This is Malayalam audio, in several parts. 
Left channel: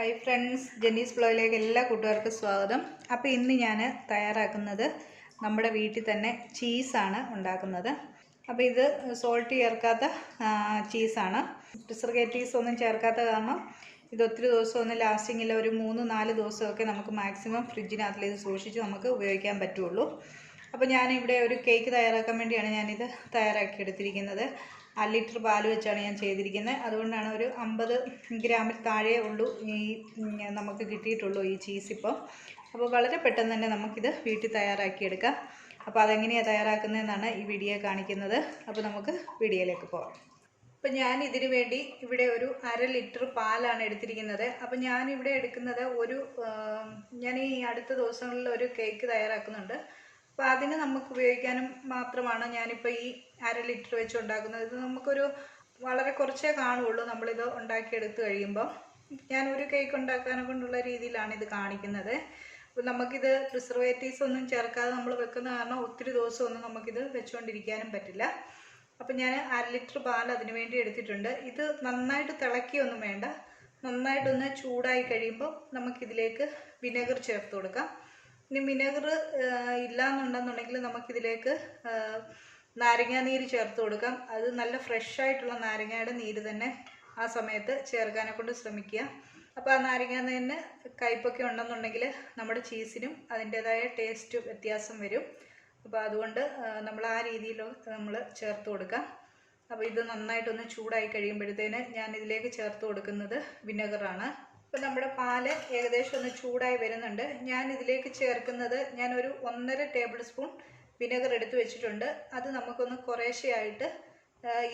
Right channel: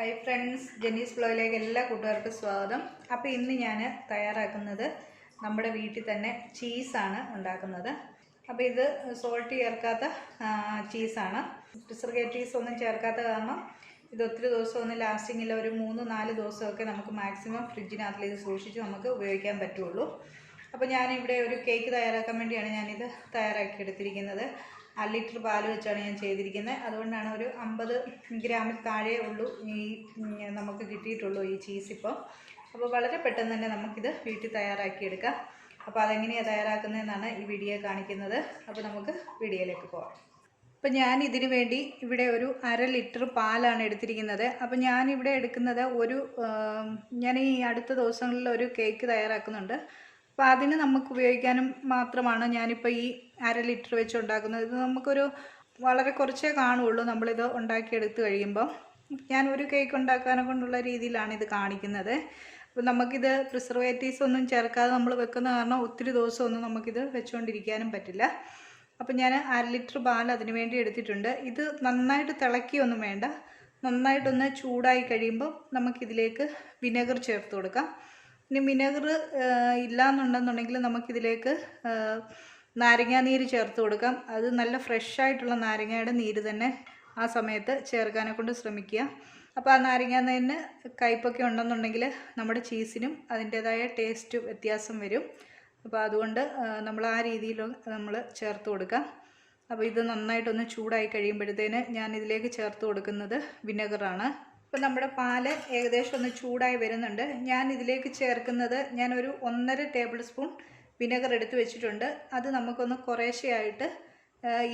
Hi friends, Jenny's vlogയിലേക്ക് എല്ലാ കൂട്ടുകാർക്കും സ്വാഗതം. അപ്പോൾ ഇന്ന് ഞാൻ തയ്യാറാക്കുന്നത് നമ്മുടെ വീട്ടിൽ തന്നെ ചീസാണ് ഉണ്ടാക്കുന്നത്. അപ്പോൾ ഇത് സോൾട്ട് ചേർക്കാത്ത ചീസാണ്. പ്രിസർവേറ്റീവ്സ് ഒന്നും ചേർക്കാത്ത കാരണം ഇത് ഒത്തിരി ദിവസമൊന്നും ലാസ്റ്റിംഗ് ഇല്ല. ഒരു 3-4 ദിവസമൊക്കെ നമുക്ക് മാക്സിമം ഫ്രിഡ്ജിനകത്തിൽ ഇത് സൂക്ഷിച്ച് നമുക്ക് ഉപയോഗിക്കാൻ പറ്റുള്ളൂ. അപ്പോൾ ഞാനിവിടെ ഒരു കേക്ക് തയ്യാറാക്കാൻ വേണ്ടിയാണ് ഞാനിത് തയ്യാറാക്കി എടുത്തിരിക്കുന്നത്. 1 ലിറ്റർ പാല് വെച്ചാണ് ഞാൻ ചെയ്തിരിക്കുന്നത്. അതുകൊണ്ടാണ് ഒരു 50 ഗ്രാമിൽ താഴെ ഉള്ളൂ ഈ നമുക്ക് കിട്ടിയിട്ടുള്ളൂ ഈ ചീസ് ഇപ്പോൾ. അപ്പോൾ വളരെ പെട്ടെന്ന് തന്നെ നമുക്കിത് വീട്ടിൽ തയ്യാറാക്കിയെടുക്കാം. അപ്പോൾ അതെങ്ങനെയാണ് തയ്യാറാക്കുന്നതെന്നാണ് ഈ വീഡിയോ കാണിക്കുന്നത്. അപ്പോൾ നമുക്ക് വീഡിയോയിലേക്ക് പോകാം. അപ്പോൾ ഞാൻ ഇതിന് വേണ്ടി ഇവിടെ ഒരു 1/2 ലിറ്റർ പാലാണ് എടുത്തിരിക്കുന്നത്. അപ്പോൾ ഞാനിവിടെ എടുക്കുന്നത് ഞാൻ ഈ അടുത്ത ദിവസങ്ങളിൽ ഒരു കേക്ക് തയ്യാറാക്കുന്നുണ്ട്. അപ്പോൾ അതിന് നമുക്ക് ഉപയോഗിക്കാനും മാത്രമാണ് ഞാനിപ്പോൾ ഈ 1/2 ലിറ്റർ വെച്ച് ഉണ്ടാക്കുന്നത്. ഇത് നമുക്കൊരു വളരെ കുറച്ചേ കാണുകയുള്ളൂ നമ്മളിത് ഉണ്ടാക്കിയെടുത്ത് കഴിയുമ്പോൾ. ഞാനൊരു കേക്ക് ഉണ്ടാക്കാനെ കൊണ്ടുള്ള രീതിയിലാണ് ഇത് കാണിക്കുന്നത്. അപ്പോൾ നമുക്കിത് പ്രിസർവേറ്റീവ്സ് ഒന്നും ചേർക്കാതെ നമ്മൾ വെക്കുന്ന കാരണം ഒത്തിരി ദിവസമൊന്നും നമുക്കിത് വെച്ചുകൊണ്ടിരിക്കാനും പറ്റില്ല. അപ്പോൾ ഞാൻ 1/2 ലിറ്റർ പാൽ അതിന് വേണ്ടി എടുത്തിട്ടുണ്ട്. ഇത് നന്നായിട്ട് തിളക്കിയൊന്നും വേണ്ട. നന്നായിട്ടൊന്ന് ചൂടായി കഴിയുമ്പോൾ നമുക്കിതിലേക്ക് വിനെഗർ ചേർത്ത് കൊടുക്കാം. ഇനി വിനെഗർ ഇല്ലയെന്നുണ്ടെന്നുണ്ടെങ്കിൽ നമുക്കിതിലേക്ക് നാരങ്ങാനീര് ചേർത്ത് കൊടുക്കാം. അത് നല്ല ഫ്രഷായിട്ടുള്ള നാരങ്ങയുടെ നീര് തന്നെ ആ സമയത്ത് ചേർക്കാനെ കൊണ്ട് ശ്രമിക്കുക. അപ്പോൾ ആ നാരങ്ങാനീരിന് കയ്പൊക്കെ ഉണ്ടെന്നുണ്ടെങ്കിൽ നമ്മുടെ ചീസിനും അതിൻ്റേതായ ടേസ്റ്റ് വ്യത്യാസം വരും. അപ്പോൾ അതുകൊണ്ട് നമ്മൾ ആ രീതിയിൽ നമ്മൾ ചേർത്ത് കൊടുക്കാം. അപ്പോൾ ഇത് നന്നായിട്ടൊന്ന് ചൂടായി കഴിയുമ്പോഴത്തേന് ഞാൻ ഇതിലേക്ക് ചേർത്ത് കൊടുക്കുന്നത് വിനെഗറാണ്. അപ്പോൾ നമ്മുടെ പാല് ഏകദേശം ഒന്ന് ചൂടായി വരുന്നുണ്ട്. ഞാൻ ഇതിലേക്ക് ചേർക്കുന്നത് ഞാനൊരു 1.5 ടേബിൾ സ്പൂൺ വിനെഗർ എടുത്ത് വെച്ചിട്ടുണ്ട്. അത് നമുക്കൊന്ന് കുറേശ്ശെയായിട്ട്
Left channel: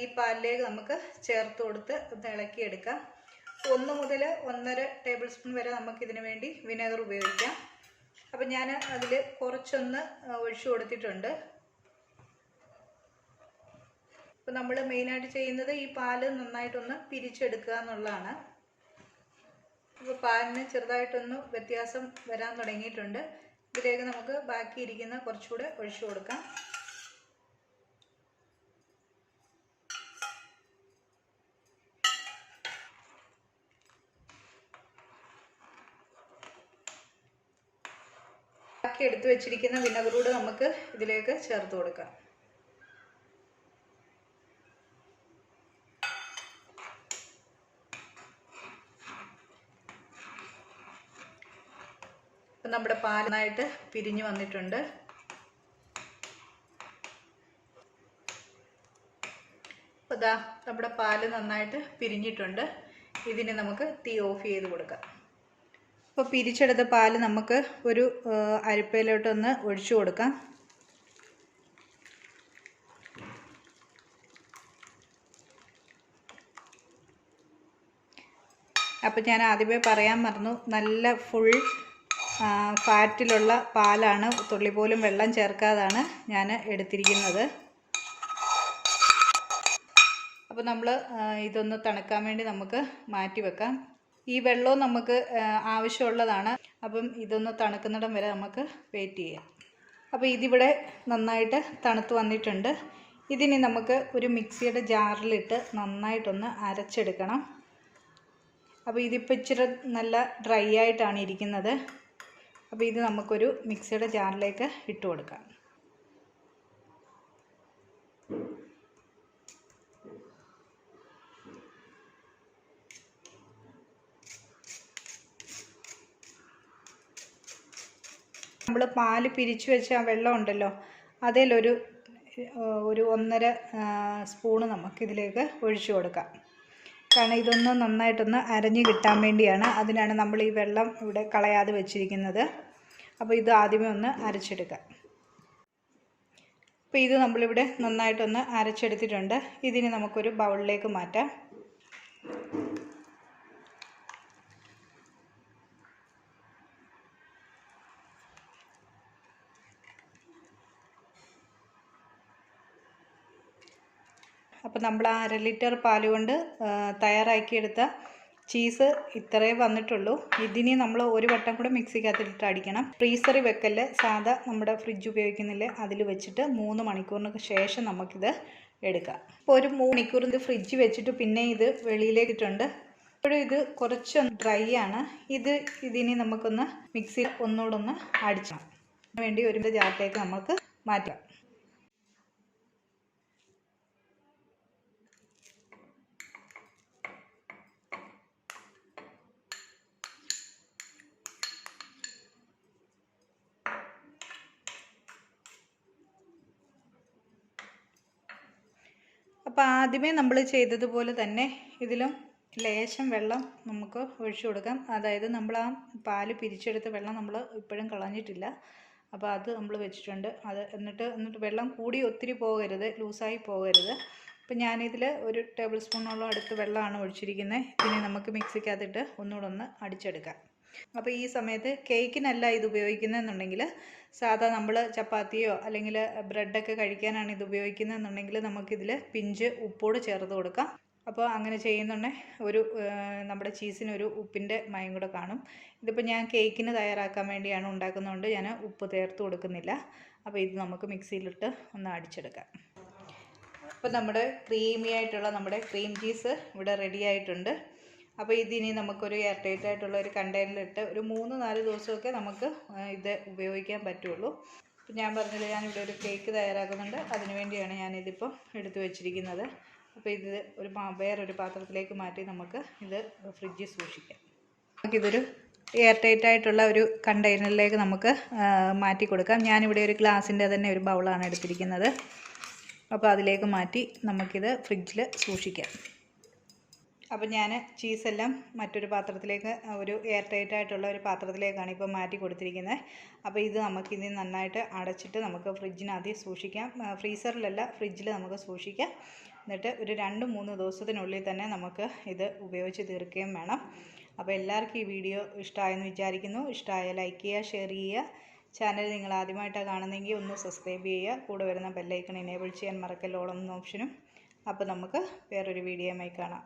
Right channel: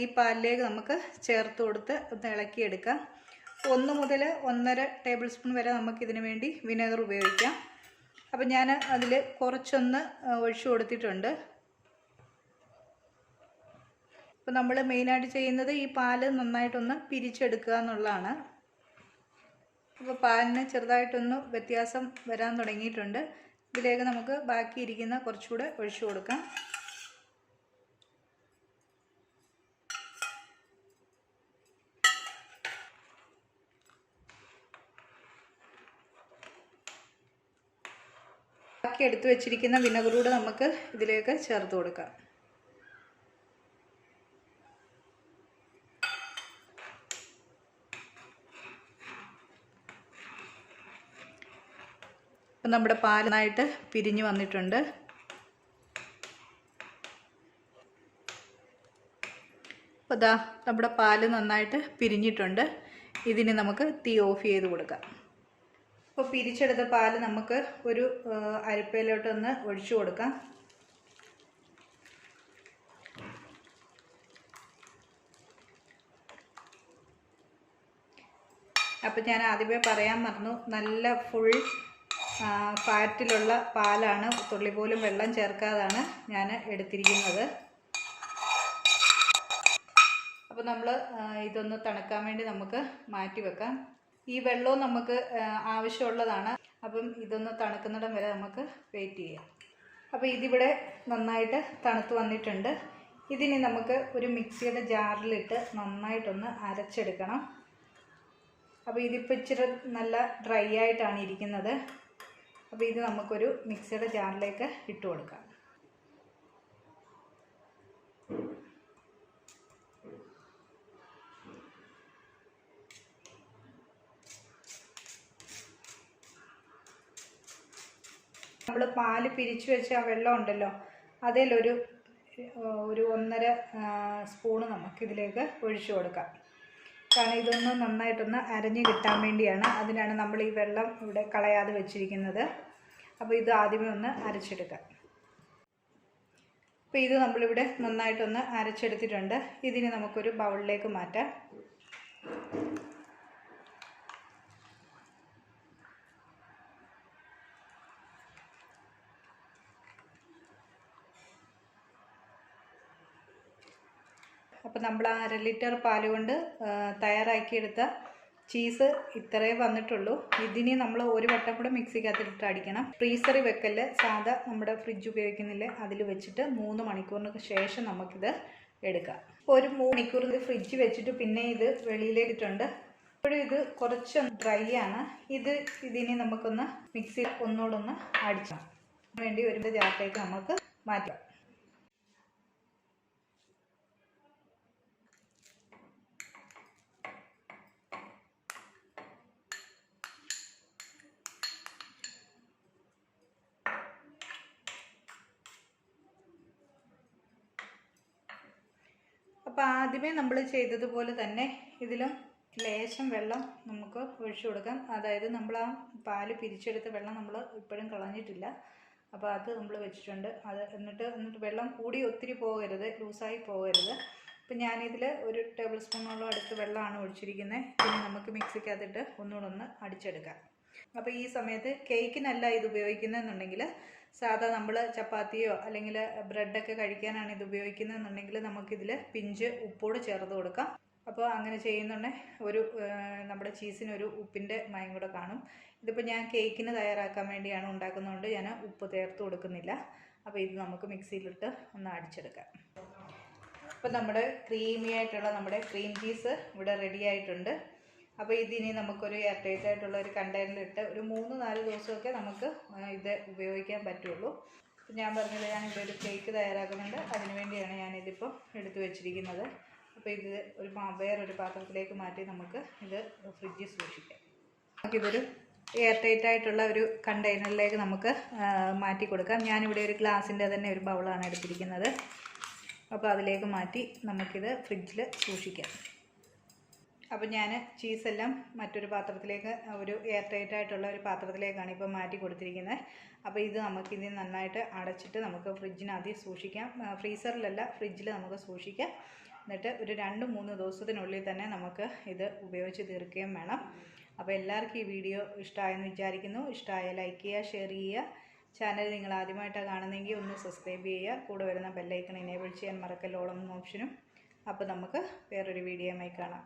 ഈ പാലിലേക്ക് നമുക്ക് ചേർത്ത് കൊടുത്ത് ഒന്ന് ഇളക്കിയെടുക്കാം. 1 മുതൽ 1.5 ടേബിൾ സ്പൂൺ വരെ നമുക്കിതിന് വേണ്ടി വിനെഗർ ഉപയോഗിക്കാം. അപ്പോൾ ഞാൻ അതിൽ കുറച്ചൊന്ന് ഒഴിച്ചു കൊടുത്തിട്ടുണ്ട്. അപ്പോൾ നമ്മൾ മെയിനായിട്ട് ചെയ്യുന്നത് ഈ പാല് നന്നായിട്ടൊന്ന് പിരിച്ചെടുക്കുക എന്നുള്ളതാണ്. അപ്പോൾ പാലിന് ചെറുതായിട്ടൊന്ന് വ്യത്യാസം വരാൻ തുടങ്ങിയിട്ടുണ്ട്. ഇതിലേക്ക് നമുക്ക് ബാക്കിയിരിക്കുന്ന കുറച്ചുകൂടെ ഒഴിച്ചു കൊടുക്കാം. ബാക്കി എടുത്തു വെച്ചിരിക്കുന്ന വിനെഗറൂട് നമുക്ക് ഇതിലേക്ക് ചേർത്ത് കൊടുക്കാം. അപ്പം നമ്മുടെ പാൽ നന്നായിട്ട് പിരിഞ്ഞു വന്നിട്ടുണ്ട്. അപ്പോൾ ദാ നമ്മുടെ പാല് നന്നായിട്ട് പിരിഞ്ഞിട്ടുണ്ട്. ഇതിന് നമുക്ക് തീ ഓഫ് ചെയ്ത് കൊടുക്കാം. അപ്പോൾ പിരിച്ചെടുത്ത പാല് നമുക്ക് ഒരു അരിപ്പയിലോട്ടൊന്ന് ഒഴിച്ചു കൊടുക്കാം. അപ്പോൾ ഞാൻ ആദ്യമേ പറയാൻ മറന്നു, നല്ല ഫുൾ ഫാറ്റിലുള്ള പാലാണ്. തുള്ളി പോലും വെള്ളം ചേർക്കാതാണ് ഞാൻ എടുത്തിരിക്കുന്നത്. അപ്പോൾ നമ്മൾ ഇതൊന്ന് തണുക്കാൻ വേണ്ടി നമുക്ക് മാറ്റി വെക്കാം. ഈ വെള്ളവും നമുക്ക് ആവശ്യമുള്ളതാണ്. അപ്പം ഇതൊന്ന് തണുക്കുന്നിടം വരെ നമുക്ക് വെയിറ്റ് ചെയ്യാം. അപ്പോൾ ഇതിവിടെ നന്നായിട്ട് തണുത്ത് വന്നിട്ടുണ്ട്. ഇതിനി നമുക്ക് ഒരു മിക്സിയുടെ ജാറിലിട്ട് നന്നായിട്ടൊന്ന് അരച്ചെടുക്കണം. അപ്പോൾ ഇതിപ്പോൾ ഇച്ചിരി നല്ല ഡ്രൈ ആയിട്ടാണ് ഇരിക്കുന്നത്. അപ്പോൾ ഇത് നമുക്കൊരു മിക്സിയുടെ ജാറിലേക്ക് ഇട്ട് കൊടുക്കാം. നമ്മൾ പാല് പിരിച്ചു വെച്ച ആ വെള്ളം ഉണ്ടല്ലോ, അതിലൊരു 1.5 സ്പൂണ് നമുക്കിതിലേക്ക് ഒഴിച്ചു കൊടുക്കാം. കാരണം ഇതൊന്ന് നന്നായിട്ടൊന്ന് അരഞ്ഞ് കിട്ടാൻ വേണ്ടിയാണ്. അതിനാണ് നമ്മൾ ഈ വെള്ളം ഇവിടെ കളയാതെ വെച്ചിരിക്കുന്നത്. അപ്പോൾ ഇത് ആദ്യമേ ഒന്ന് അരച്ചെടുക്കാം. അപ്പോൾ ഇത് നമ്മളിവിടെ നന്നായിട്ടൊന്ന് അരച്ചെടുത്തിട്ടുണ്ട്. ഇതിന് നമുക്കൊരു ബൗളിലേക്ക് മാറ്റാം. അപ്പോൾ നമ്മൾ 1/2 ലിറ്റർ പാൽ കൊണ്ട് തയ്യാറാക്കിയെടുത്ത ചീസ് ഇത്രേ വന്നിട്ടുള്ളൂ. ഇതിനി നമ്മൾ ഒരു വട്ടം കൂടെ മിക്സിക്കകത്തിട്ട് അടിക്കണം. ഫ്രീസറിൽ വെക്കല്, സാധാ നമ്മുടെ ഫ്രിഡ്ജ് ഉപയോഗിക്കുന്നില്ലേ അതിൽ വെച്ചിട്ട് 3 മണിക്കൂറിന് ശേഷം നമുക്കിത് എടുക്കാം. അപ്പോൾ ഒരു 3 മണിക്കൂർ ഇത് ഫ്രിഡ്ജ് വെച്ചിട്ട് പിന്നെ ഇത് വെളിയിലേക്കിട്ടുണ്ട്. ഇപ്പോഴും ഇത് കുറച്ച് ഡ്രൈ ആണ്. ഇതിനി നമുക്കൊന്ന് മിക്സിയിൽ ഒന്നുകൂടെ ഒന്ന് അടിച്ചാൽ വേണ്ടി ഒരു ജാറിലേക്ക് നമുക്ക് മാറ്റാം. അപ്പോൾ ആദ്യമേ നമ്മൾ ചെയ്തതുപോലെ തന്നെ ഇതിലും ലേശം വെള്ളം നമുക്ക് ഒഴിച്ചു കൊടുക്കാം. അതായത് നമ്മൾ ആ പാല് പിരിച്ചെടുത്ത വെള്ളം നമ്മൾ ഇപ്പോഴും കളഞ്ഞിട്ടില്ല. അപ്പോൾ അത് നമ്മൾ വെച്ചിട്ടുണ്ട്. എന്നിട്ട് വെള്ളം കൂടി ഒത്തിരി പോകരുത്, ലൂസായി പോകരുത്. അപ്പോൾ ഞാനിതിൽ 1 ടേബിൾ സ്പൂണോളം അടുത്ത് വെള്ളമാണ് ഒഴിച്ചിരിക്കുന്നത്. ഇതിനെ നമുക്ക് മിക്സിക്കകത്തിട്ട് ഒന്നുകൂടെ ഒന്ന് അടിച്ചെടുക്കാം. അപ്പോൾ ഈ സമയത്ത് കേക്കിനല്ല ഇത് ഉപയോഗിക്കുന്നതെന്നുണ്ടെങ്കിൽ, സാധാ നമ്മൾ ചപ്പാത്തിയോ അല്ലെങ്കിൽ ബ്രെഡൊക്കെ കഴിക്കാനാണ് ഇത് ഉപയോഗിക്കുന്നതെന്നുണ്ടെങ്കിൽ നമുക്കിതിൽ പിഞ്ച് ഉപ്പോട് ചേർത്ത് കൊടുക്കാം. അപ്പോൾ അങ്ങനെ ചെയ്യുന്നുണ്ടെങ്കിൽ നമ്മുടെ ചീസിനൊരു ഉപ്പിൻ്റെ മയം കൂടെ കാണും. ഇതിപ്പോൾ ഞാൻ കേക്കിന് തയ്യാറാക്കാൻ വേണ്ടിയാണ് ഉണ്ടാക്കുന്നതുകൊണ്ട് ഞാൻ ഉപ്പ് ചേർത്ത് കൊടുക്കുന്നില്ല. അപ്പോൾ ഇത് നമുക്ക് മിക്സിയിലിട്ട് ഒന്ന് അടിച്ചെടുക്കാം. അപ്പോൾ നമ്മുടെ ക്രീമി ആയിട്ടുള്ള നമ്മുടെ ക്രീം ചീസ് ഇവിടെ റെഡി ആയിട്ടുണ്ട്. അപ്പോൾ ഇതിനി നമുക്കൊരു എയർ ടൈറ്റ് ആയിട്ടുള്ള ഒരു കണ്ടെയ്നറിലിട്ട് ഒരു 3-4 ദിവസമൊക്കെ നമുക്ക് ഇത് ഉപയോഗിക്കാൻ പറ്റുള്ളൂ. അപ്പോൾ ഞാൻ പറഞ്ഞില്ല, ഞാനിവിടെ ഒരു കേക്ക് തയ്യാറാക്കുന്നുണ്ട്. അതിന് വേണ്ടിയാണ് ഞാനിതിപ്പോൾ എടുത്തു വെച്ചിരിക്കുന്നത്. അപ്പോൾ ഇത് വേറൊരു പാത്രത്തിലേക്ക് മാറ്റി നമുക്ക് ഇത് ഫ്രിഡ്ജിൽ സൂക്ഷിക്കാം. നമുക്കിതൊരു എയർ ടൈറ്റ് ആയിട്ടുള്ള ഒരു കണ്ടെയ്നറിലേക്ക് നമുക്ക് മാറ്റി കൊടുക്കാം. ഞാനിവിടെ ഒരു ഗ്ലാസിൻ്റെ തന്നെ ഒരു ബൗളാണ് എടുത്തിരിക്കുന്നത്. അപ്പോൾ അതിലേക്ക് മാറ്റി നമുക്കിത് ഫ്രിഡ്ജിൽ സൂക്ഷിക്കാം. അപ്പോൾ ഞാൻ ചീസെല്ലാം മറ്റൊരു പാത്രത്തിലേക്ക്, ഒരു എയർ ടൈറ്റ് ആയിട്ടുള്ള ഒരു പാത്രത്തിലേക്കാണ് ഇപ്പോൾ മാറ്റി കൊടുത്തിരിക്കുന്നത്. അപ്പോൾ ഇത് നമുക്കിത് നന്നായിട്ട് അടച്ചിട്ട് നമുക്ക് ഫ്രിഡ്ജിനകത്ത് സൂക്ഷിക്കാം. ഫ്രീസറിലല്ല, ഫ്രിഡ്ജിൽ നമുക്ക് സൂക്ഷിക്കാം. എന്നിട്ട് ഒരു 2-3 ദിവസത്തിനുള്ളിൽ തന്നെ നമുക്ക് ഇത് ഉപയോഗിച്ച് തീർക്കുകയും വേണം. അപ്പോൾ എല്ലാവർക്കും ഈ വീഡിയോ ഇഷ്ടമായെന്ന് വിചാരിക്കുന്നു. ഇഷ്ടമായ ലൈക്ക് ചെയ്യുക, ഷെയർ ചെയ്യുക. ചാനൽ നിങ്ങൾ ആദ്യമായിട്ടാണ് കാണുന്നതെങ്കിൽ ഒന്ന് സബ്സ്ക്രൈബ് ചെയ്യുക. കൂടെ വരുന്ന ബെല്ലൈക്കൺ എനേബിൾ ചെയ്യാൻ മറക്കല്ലോളം ഓപ്ഷനും. അപ്പോൾ നമുക്ക് വേറൊരു വീഡിയോയുമായി കാണാം.